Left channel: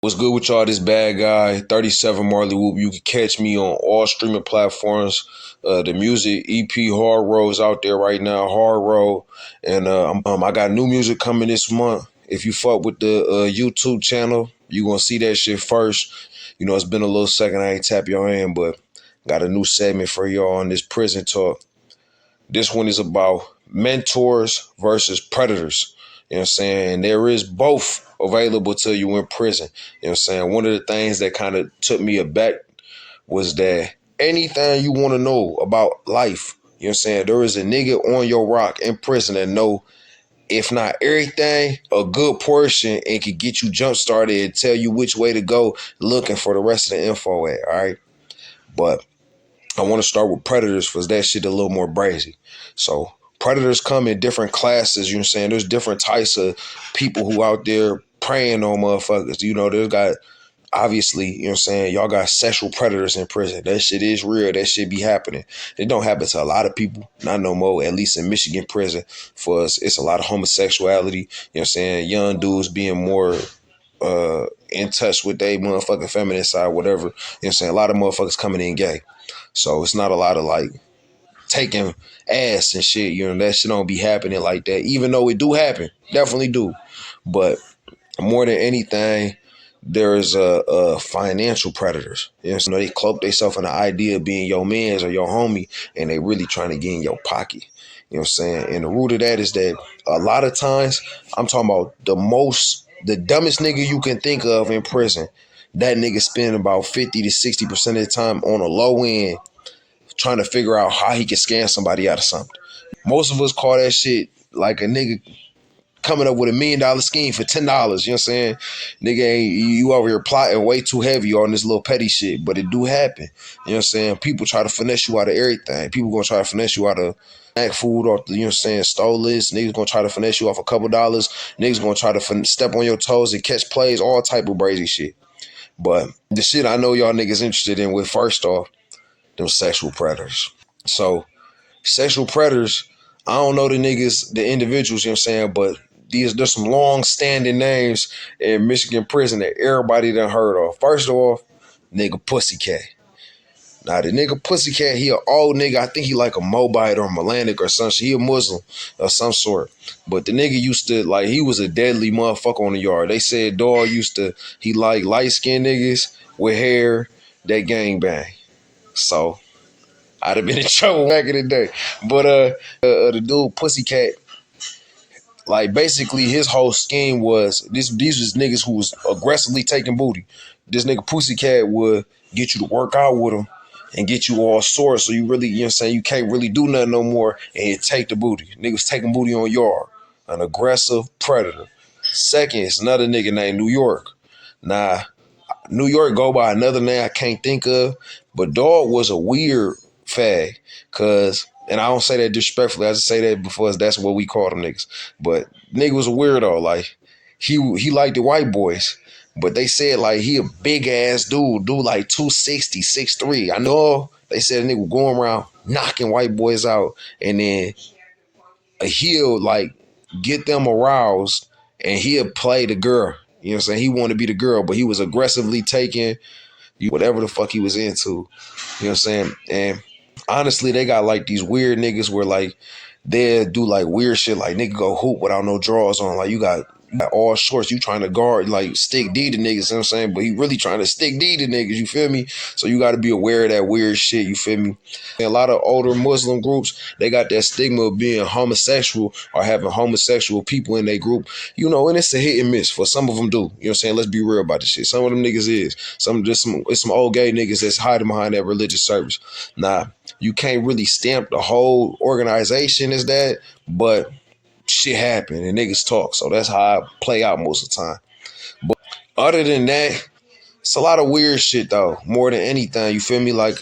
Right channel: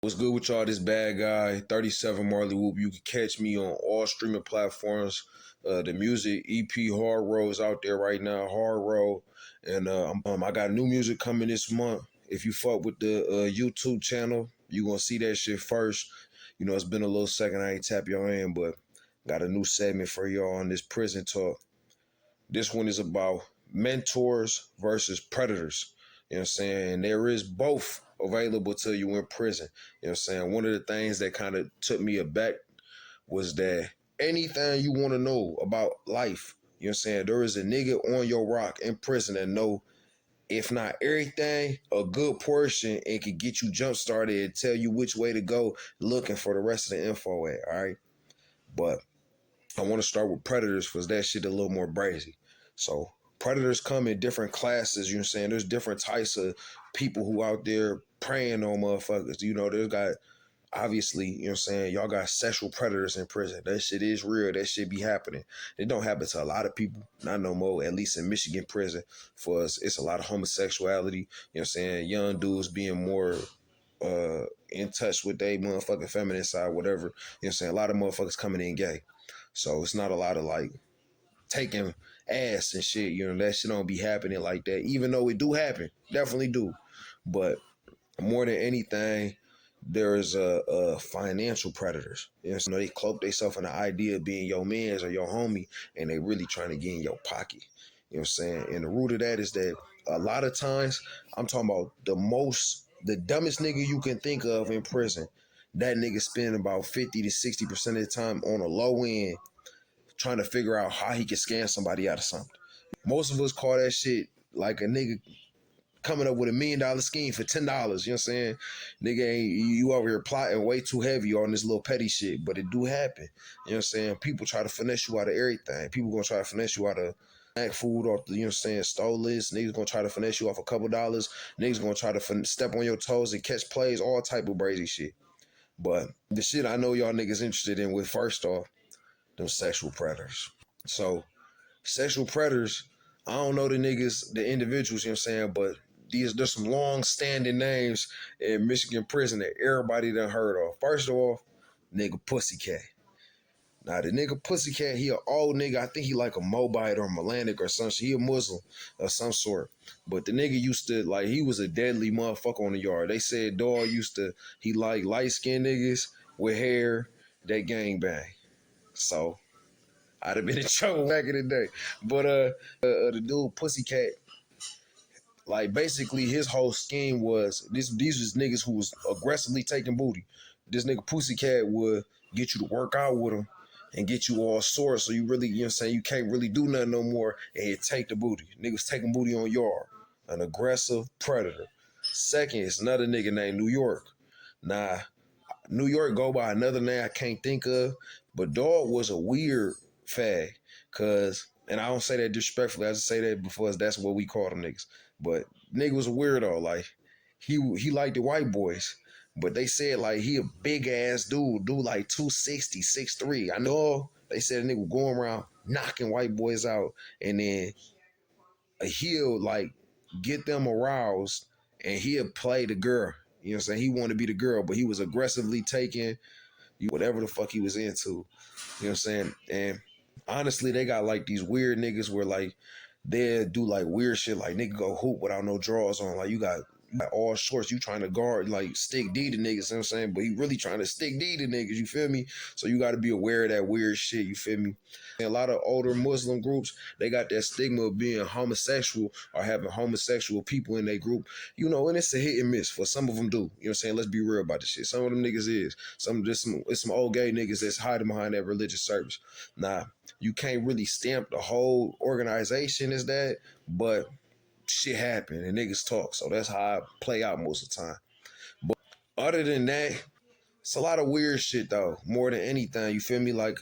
What's good with y'all? This bad guy, 37 Marley Whoop. You can catch me on all streaming platforms. The music EP Hard Road is out there right now, Hard Road. And I got new music coming this month. If you fuck with the YouTube channel, you gonna see that shit first. You know, it's been a little second I ain't tap your hand, but got a new segment for y'all on this Prison Talk. This one is about mentors versus predators. You know what I'm saying? There is both available to you in prison. You know what I'm saying? One of the things that kind of took me aback was that anything you want to know about life, you know what I'm saying? There is a nigga on your rock in prison that know, if not everything, a good portion, and can get you jump started and tell you which way to go looking for the rest of the info at, all right? But I want to start with predators because that shit a little more brazy. So predators come in different classes, you know what I'm saying? There's different types of people who out there preying on motherfuckers. You know, there's got, obviously, you know what I'm saying, y'all got sexual predators in prison. That shit is real. That shit be happening. It don't happen to a lot of people, not no more, at least in Michigan prison. For us, it's a lot of homosexuality, you know what I'm saying? Young dudes being more in touch with their motherfucking feminine side, whatever. You know what I'm saying? A lot of motherfuckers coming in gay. So it's not a lot of like taking ass and shit. You know, that shit don't be happening like that. Even though it do happen, definitely do. But more than anything, there is financial predators. You know, they cloak themselves in the idea of being your mans or your homie, and they really trying to get in your pocket. You know what I'm saying? And the root of that is that a lot of times, I'm talking about the dumbest nigga you can think of in prison. That nigga spend about 50 to 60% of the time on a low end trying to figure out how he can scam somebody out of something. Most of us call that shit like a nigga coming up with $1 million scheme for $10. You know what I'm saying? Nigga ain't you over here plotting way too heavy on this little petty shit, but it do happen. You know what I'm saying? People try to finesse you out of everything. People gonna try to finesse you out of snack food or, you know what I'm saying, stole this. Niggas gonna try to finesse you off a couple dollars. Niggas gonna try to step on your toes and catch plays, all type of brazy shit. But the shit I know y'all niggas interested in with, first off, them sexual predators. So sexual predators, I don't know the niggas, the individuals, you know what I'm saying, but there's some long standing names in Michigan prison that everybody done heard of. First off, nigga Pussycat. Now the nigga Pussycat, he an old nigga. I think he like a Moabite or Melanic or some shit. He a Muslim of some sort. But the nigga used to, like, he was a deadly motherfucker on the yard. They said dog he like light skinned niggas with hair that gang bang. So I'd have been in trouble back in the day. But the dude Pussycat, like, basically his whole scheme was these was niggas who was aggressively taking booty. This nigga Pussycat would get you to work out with him and get you all sore, so you really, you know what I'm saying, you can't really do nothing no more, and he'd take the booty. Niggas taking booty on yard. An aggressive predator. Second, it's another nigga named New York. Now, New York go by another name I can't think of, but dog was a weird fag, cause, and I don't say that disrespectfully, I just say that because that's what we call them niggas. But nigga was a weirdo, like he liked the white boys, but they said like he a big ass dude like 260, 6'3". I know they said a nigga going around knocking white boys out, and then he'll like get them aroused and he'll play the girl. You know what I'm saying? He wanted to be the girl, but he was aggressively taking whatever the fuck he was into. You know what I'm saying? And honestly, they got like these weird niggas where like they do like weird shit, like nigga go hoop without no drawers on. Like you got all shorts, you trying to guard, like stick D to niggas, you know what I'm saying? But he really trying to stick D to niggas, you feel me? So you got to be aware of that weird shit, you feel me? And a lot of older Muslim groups, they got that stigma of being homosexual or having homosexual people in their group, you know, and it's a hit and miss. For some of them do, you know what I'm saying? Let's be real about this shit. Some of them niggas is. It's some old gay niggas that's hiding behind that religious service. Nah, you can't really stamp the whole organization as that, but shit happen and niggas talk. So that's how I play out most of the time. But other than that, it's a lot of weird shit though. More than anything, you feel me? Like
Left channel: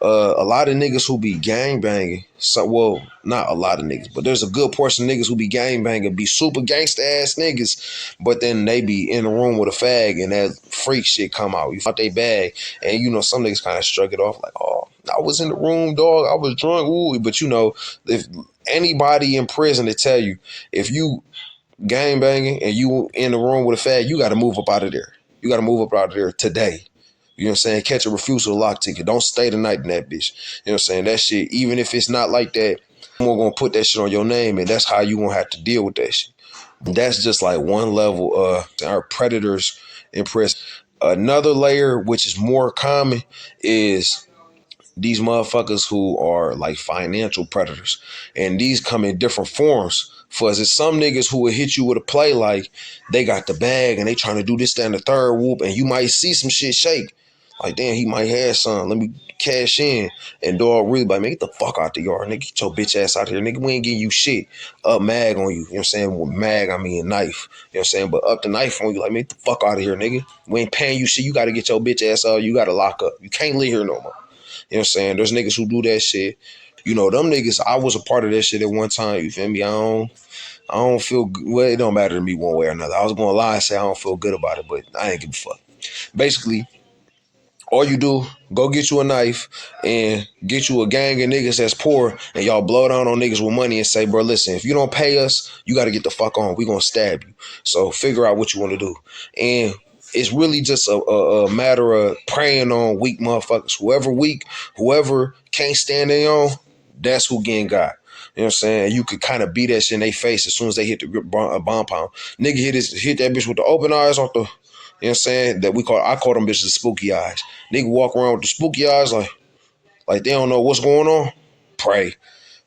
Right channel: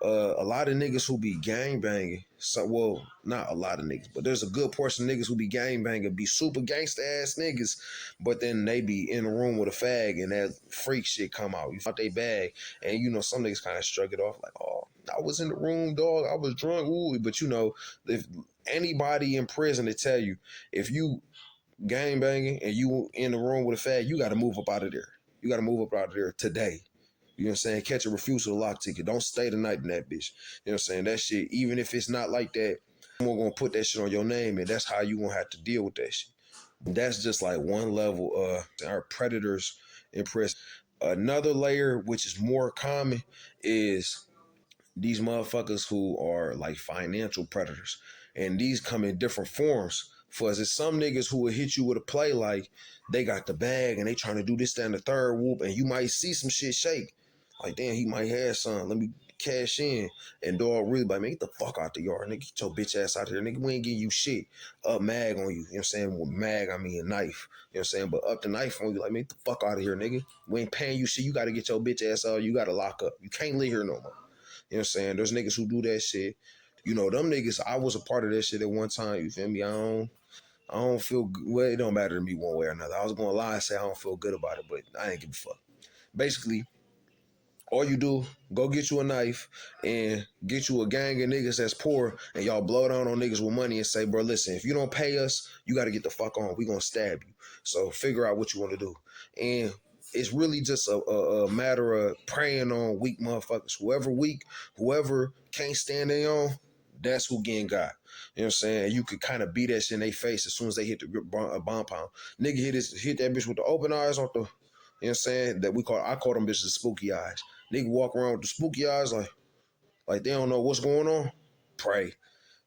a lot of niggas who be gang banging. So, well, not a lot of niggas, but there's a good portion of niggas who be gang banging, be super gangsta ass niggas, but then they be in the room with a fag and that freak shit come out. You out they bag, and you know some niggas kind of shrug it off like, oh, I was in the room, dog. I was drunk, ooh. But you know, if anybody in prison to tell you, if you gang banging and you in the room with a fag, you got to move up out of there. You got to move up out of there today. You know what I'm saying? Catch a refusal lock ticket. Don't stay the night in that bitch. You know what I'm saying? That shit, even if it's not like that, someone gonna put that shit on your name, and that's how you gonna have to deal with that shit. That's just like one level. Our predators in prison. Another layer, which is more common, is these motherfuckers who are like financial predators. And these come in different forms. For us, it's some niggas who will hit you with a play like they got the bag and they trying to do this, that, and the third whoop, and you might see some shit shake. Like, damn, he might have some. Let me cash in. And dog really like, man, get the fuck out the yard, nigga. Get your bitch ass out here. Nigga, we ain't getting you shit. Up mag on you. You know what I'm saying? With mag, I mean knife. You know what I'm saying? But up the knife on you, like, man, get the fuck out of here, nigga. We ain't paying you shit. You gotta get your bitch ass out. You gotta lock up. You can't live here no more. You know what I'm saying? There's niggas who do that shit. You know, them niggas, I was a part of that shit at one time. You feel me? I don't feel good. Well, it don't matter to me one way or another. I was gonna lie and say I don't feel good about it, but I ain't give a fuck. Basically, all you do, go get you a knife and get you a gang of niggas that's poor, and y'all blow down on niggas with money and say, bro, listen, if you don't pay us, you got to get the fuck on. We gonna stab you. So figure out what you want to do. And it's really just a matter of preying on weak motherfuckers. Whoever weak, whoever can't stand their own, that's who getting got. You know what I'm saying? You could kind of beat that shit in their face as soon as they hit the bomb pound. Nigga hit that bitch with the open eyes off the, you know what I'm saying? I call them bitches spooky eyes. Nigga walk around with the spooky eyes like they don't know what's going on. Pray.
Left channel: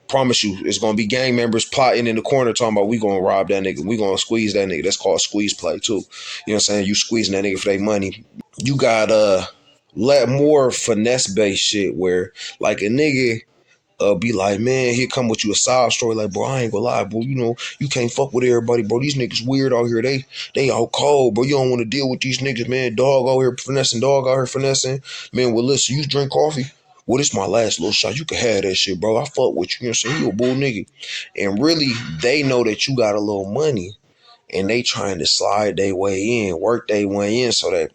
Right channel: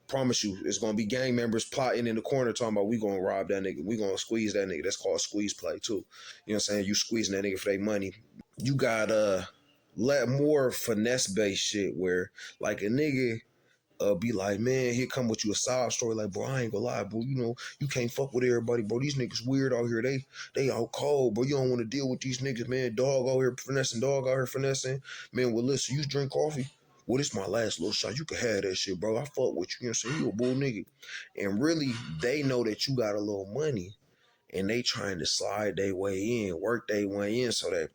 Promise you, it's gonna be gang members plotting in the corner talking about we gonna rob that nigga. We gonna squeeze that nigga. That's called squeeze play too. You know what I'm saying? You squeezing that nigga for their money. You got let more finesse based shit where like a nigga be like, man, here come with you a side story. Like, bro, I ain't gonna lie, bro. You know, you can't fuck with everybody, bro. These niggas weird out here. They all cold, bro. You don't want to deal with these niggas, man. Dog out here finessing, dog out here finessing. Man, well, listen, you drink coffee. Well, this my last little shot. You can have that shit, bro. I fuck with you. You know what I'm saying? You a bull nigga. And really, they know that you got a little money and they trying to slide their way in, work their way in so that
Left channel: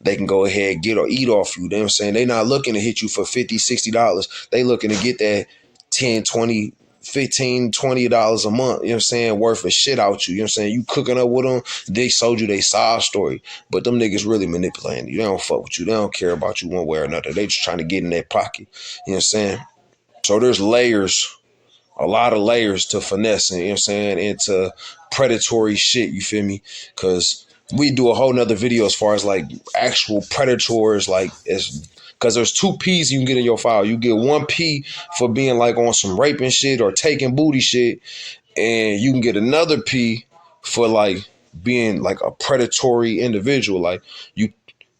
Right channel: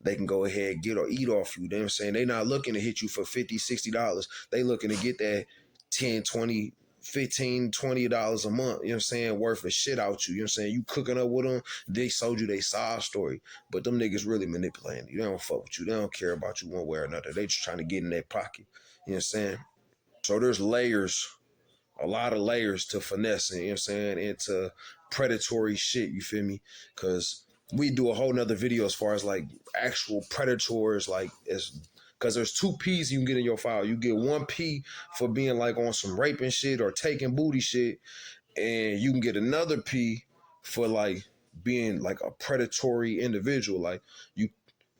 they can go ahead, get or eat off you. You know what I'm saying? They not looking to hit you for $50, $60. They looking to get that 10, 20, 15, $20 a month, you know what I'm saying, worth of shit out you. You know what I'm saying? You cooking up with them, they sold you their side story. But them niggas really manipulating you. They don't fuck with you. They don't care about you one way or another. They just trying to get in their pocket. You know what I'm saying? So there's layers, a lot of layers to finessing, you know what I'm saying, into predatory shit, you feel me? Because we do a whole nother video as far as like actual predators, like as because there's two P's you can get in your file. You get one P for being like on some raping shit or taking booty shit, and you can get another P for like being like a predatory individual. Like you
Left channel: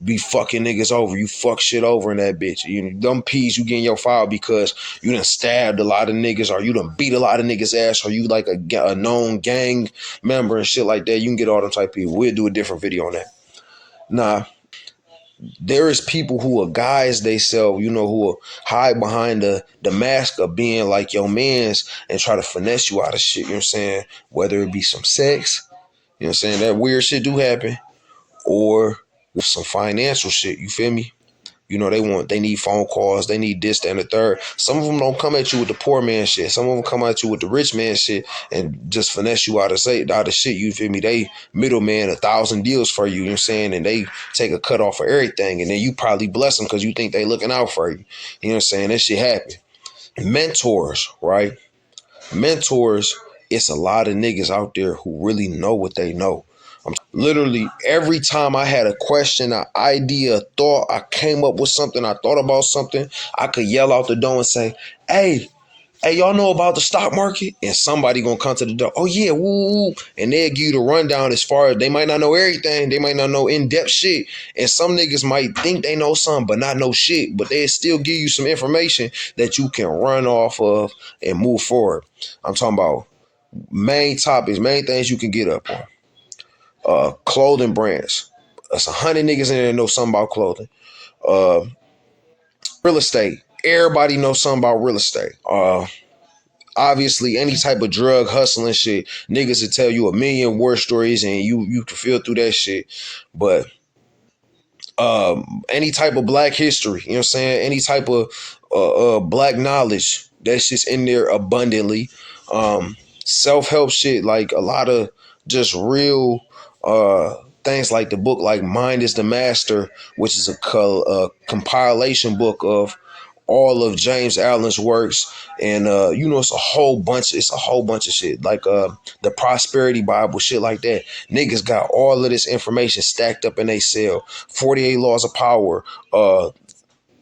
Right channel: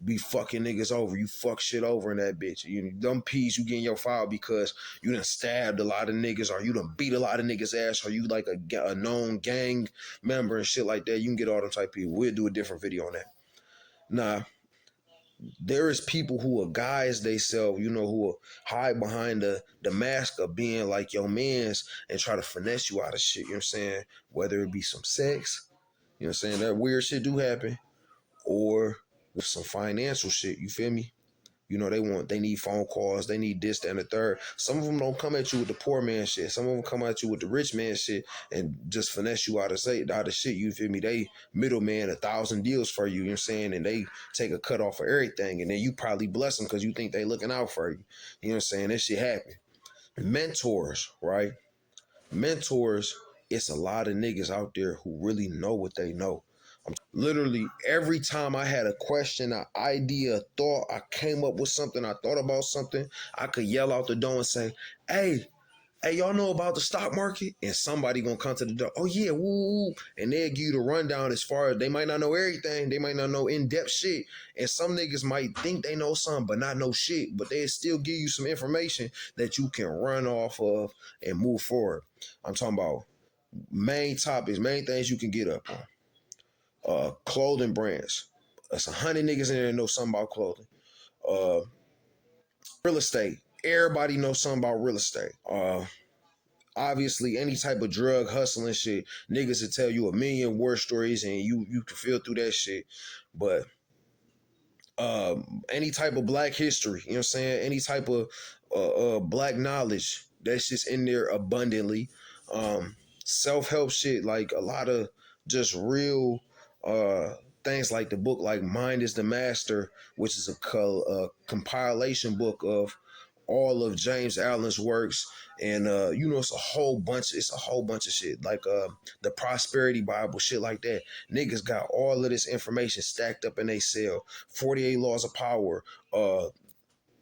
be fucking niggas over. You fuck shit over in that bitch. You them P's you get in your file because you done stabbed a lot of niggas or you done beat a lot of niggas ass or you like a known gang member and shit like that. You can get all them type of people. We'll do a different video on that. Nah, there is people who are guys they sell, you know, who will hide behind the mask of being like your mans and try to finesse you out of shit, you know what I'm saying? Whether it be some sex, you know what I'm saying? That weird shit do happen, or some financial shit, you feel me? You know, they need phone calls, they need this, that, and the third. Some of them don't come at you with the poor man shit. Some of them come at you with the rich man shit and just finesse you out of shit, you feel me? They middleman 1,000 deals for you, you know what I'm saying? And they take a cut off of everything. And then you probably bless them because you think they looking out for you. You know what I'm saying? That shit happen. Mentors, right? Mentors, it's a lot of niggas out there who really know what they know. Literally every time I had a question, an idea, a thought, I came up with something, I thought about something, I could yell out the door and say, hey, y'all know about the stock market? And somebody gonna come to the door, oh yeah, woo, woo. And they'll give you the rundown as far as they might not know everything, they might not know in-depth shit. And some niggas might think they know something, but not know shit, but they'll still give you some information that you can run off of and move forward. I'm talking about main topics, main things you can get up on. Clothing brands. That's 100 niggas in there that know something about clothing. Uh, Real estate. Everybody knows something about real estate. Obviously, any type of drug hustling shit, niggas will tell you a million war stories and you can feel through that shit. But any type of black history, you know what I'm saying? Any type of black knowledge, that's just in there abundantly. Self-help shit, like a lot of just real things like the book like Mind is the Master, which is a compilation book of all of James Allen's works, and it's a whole bunch of shit like the Prosperity Bible, shit like that. Niggas got all of this information stacked up in a cell. 48 Laws of Power,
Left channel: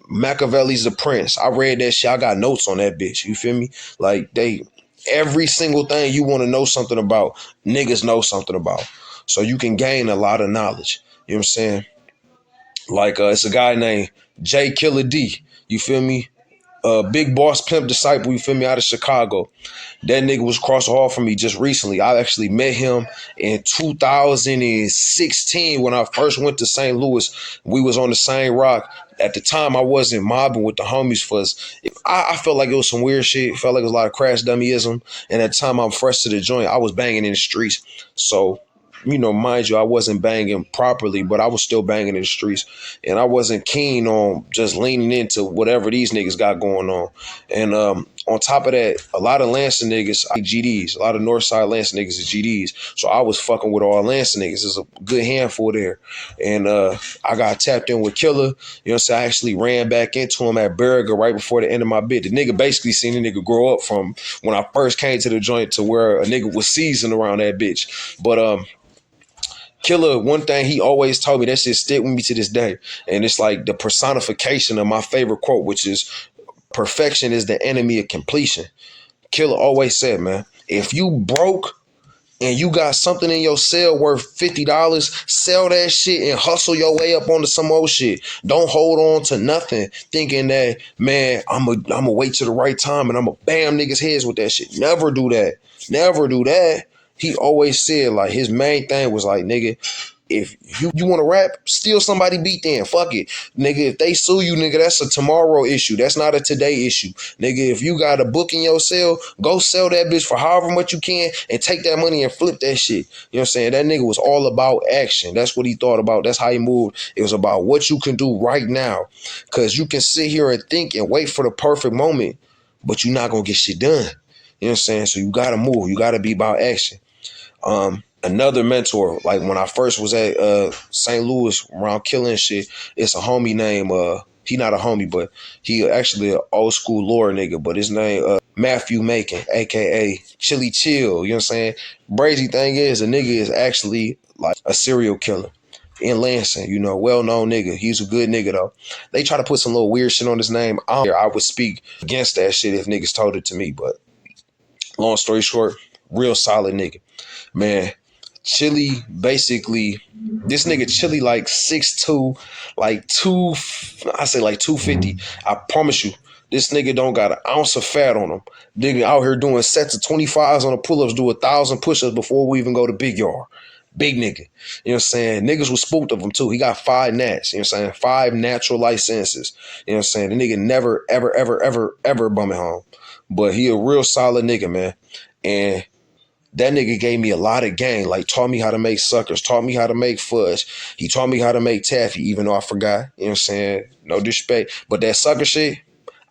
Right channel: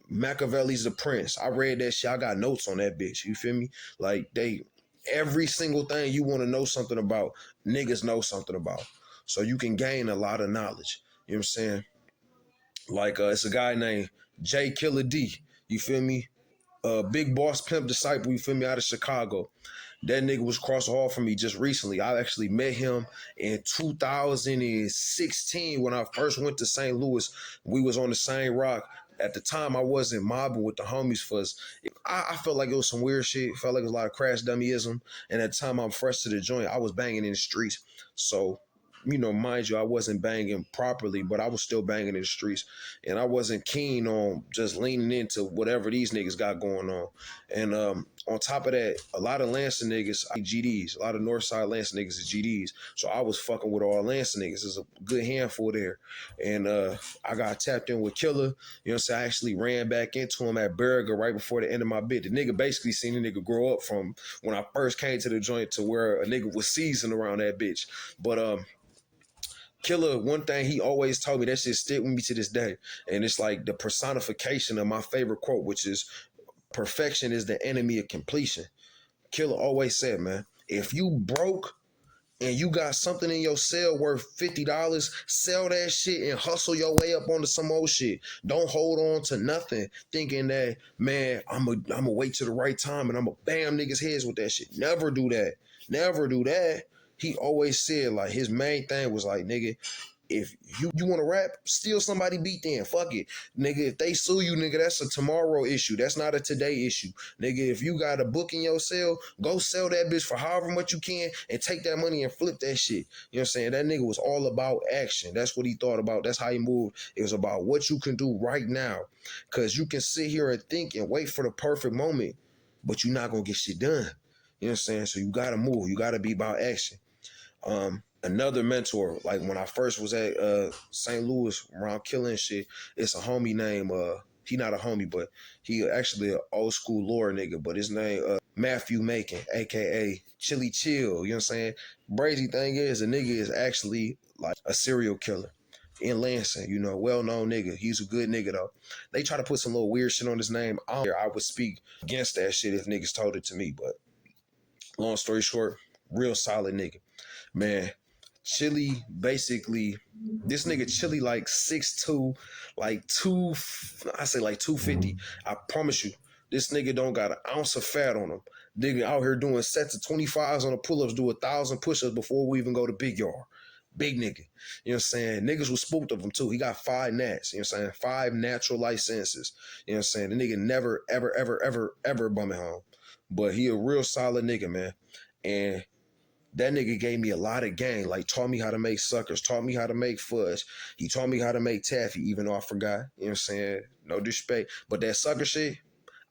Machiavelli's The Prince. I read that shit. I got notes on that bitch. You feel me? Like every single thing you want to know something about, niggas know something about. So you can gain a lot of knowledge. You know what I'm saying? Like it's a guy named J Killer D. You feel me? Big Boss Pimp Disciple, you feel me, out of Chicago. That nigga was across the hall from me just recently. I actually met him in 2016 when I first went to St. Louis. We was on the same rock. At the time, I wasn't mobbing with the homies for us. I felt like it was some weird shit. Felt like it was a lot of crash dummyism. And at the time, I'm fresh to the joint. I was banging in the streets. So, mind you, I wasn't banging properly, but I was still banging in the streets. And I wasn't keen on just leaning into whatever these niggas got going on. And on top of that, a lot of Lansing niggas, GDs, a lot of Northside Lansing niggas is GDs. So I was fucking with all Lansing niggas. There's a good handful there. And I got tapped in with Killer. You know what I'm saying? I actually ran back into him at Berger right before the end of my bid. The nigga basically seen the nigga grow up from when I first came to the joint to where a nigga was seasoned around that bitch. But Killer, one thing he always told me, that shit stick with me to this day. And it's like the personification of my favorite quote, which is perfection is the enemy of completion. Killer always said, man, if you broke and you got something in your cell worth $50, sell that shit and hustle your way up onto some old shit. Don't hold on to nothing thinking that, man, I'm a wait till the right time and I'm a bam niggas heads with that shit. Never do that. Never do that. He always said, like, his main thing was like, nigga, if you want to rap, steal somebody beat then. Fuck it. Nigga, if they sue you, nigga, that's a tomorrow issue. That's not a today issue. Nigga, if you got a book in your cell, go sell that bitch for however much you can and take that money and flip that shit. You know what I'm saying? That nigga was all about action. That's what he thought about. That's how he moved. It was about what you can do right now. Because you can sit here and think and wait for the perfect moment, but you're not going to get shit done. You know what I'm saying? So you got to move. You got to be about action. Another mentor, like when I first was at St. Louis around killing shit, it's a homie named he not a homie, but he actually an old school lore nigga, but his name Matthew Macon, aka Chili Chill. You know what I'm saying? Crazy thing is, the nigga is actually like a serial killer in Lansing, well known nigga. He's a good nigga though. They try to put some little weird shit on his name. I would speak against that shit if niggas told it to me, but long story short, real solid nigga. Man, Chili, basically, this nigga Chili like 6'2", like 250. I promise you, this nigga don't got an ounce of fat on him. Nigga out here doing sets of 25s on the pull-ups, do 1,000 push-ups before we even go to big yard. Big nigga. You know what I'm saying? Niggas was spooked of him too. He got 5 nats. You know what I'm saying? 5 natural licenses. You know what I'm saying? The nigga never, ever, ever, ever, ever bumming home. But he a real solid nigga, man. And that nigga gave me a lot of game, like taught me how to make suckers, taught me how to make fudge. He taught me how to make taffy, even though I forgot. You know what I'm saying? No disrespect. But that sucker shit,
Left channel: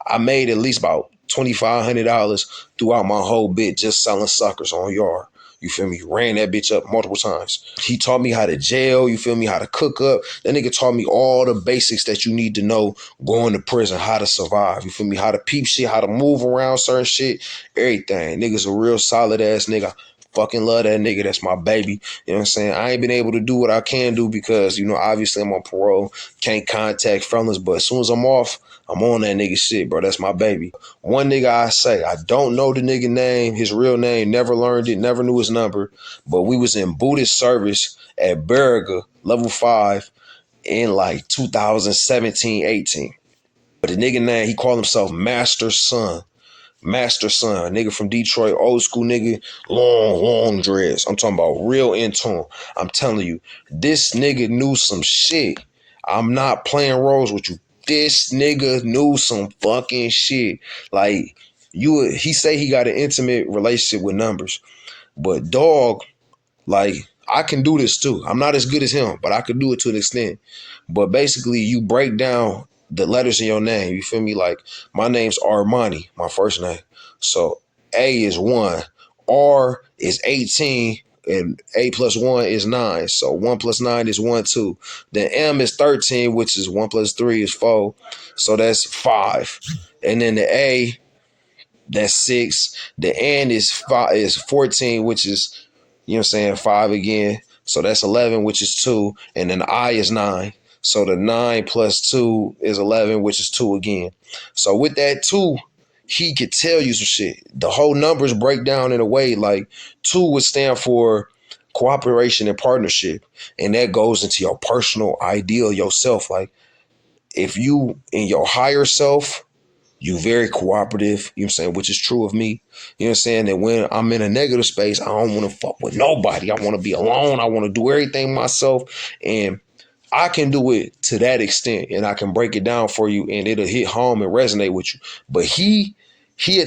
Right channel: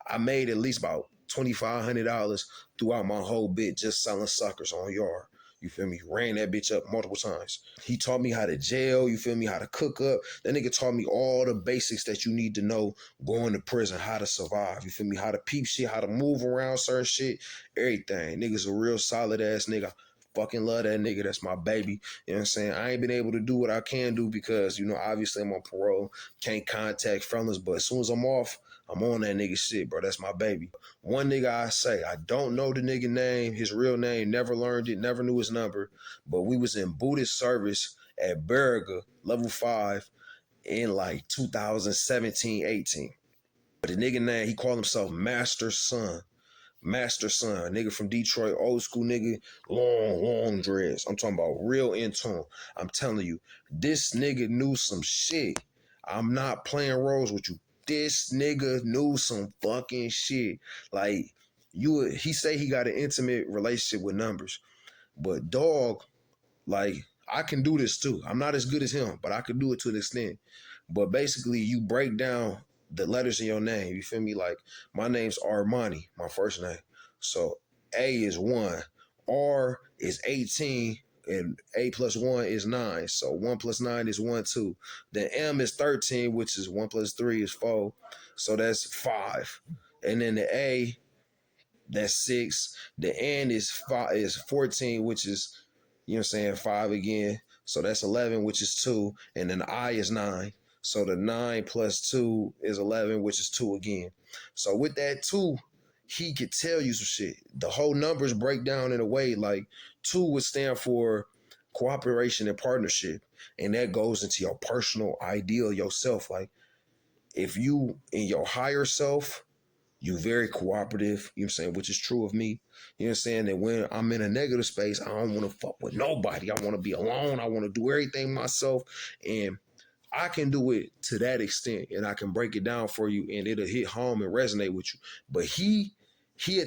I made at least about $2,500 throughout my whole bit just selling suckers on yard. You feel me? Ran that bitch up multiple times. He taught me how to jail, you feel me? How to cook up. That nigga taught me all the basics that you need to know going to prison, how to survive. You feel me? How to peep shit, how to move around certain shit, everything. Nigga's a real solid ass nigga. Fucking love that nigga. That's my baby. You know what I'm saying? I ain't been able to do what I can do because, obviously I'm on parole. Can't contact felons. But as soon as I'm off, I'm on that nigga shit, bro. That's my baby. One nigga I say, I don't know the nigga name, his real name, never learned it, never knew his number. But we was in Buddhist service at Berger, level 5, in like 2017, 18. But the nigga name, he called himself Master Son. Master Son, nigga from Detroit, old school nigga, long dreads. I'm talking about real in tune. I'm telling you, this nigga knew some shit. I'm not playing roles with you. This nigga knew some fucking shit. Like, he say he got an intimate relationship with numbers. But dog, like, I can do this too. I'm not as good as him, but I could do it to an extent. But basically, you break down the letters in your name. You feel me? Like, my name's Armani, my first name. So A is 1, R is 18, and 8 plus 1 is 9. So 1 plus 9 is 1, 2. Then M is 13, which is 1 plus 3 is 4. So that's 5. And then the A, that's 6. The N is 14, which is, you know what I'm saying, 5 again. So that's 11, which is 2. And then the I is 9. So the 9 plus 2 is 11, which is 2 again. So with that 2, he could tell you some shit. The whole numbers break down in a way like 2 would stand for cooperation and partnership. And that goes into your personal ideal yourself. Like if you in your higher self, you very cooperative, you know what I'm saying, which is true of me. You know what I'm saying? That when I'm in a negative space, I don't want to fuck with nobody. I want to be alone. I want to do everything myself. And I can do it to that extent, and I can break it down for you, and it'll hit home and resonate with you. But he'd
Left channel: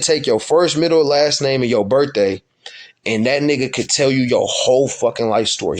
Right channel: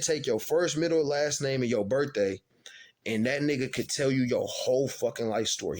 take your first, middle, last name and your birthday, and that nigga could tell you your whole fucking life story.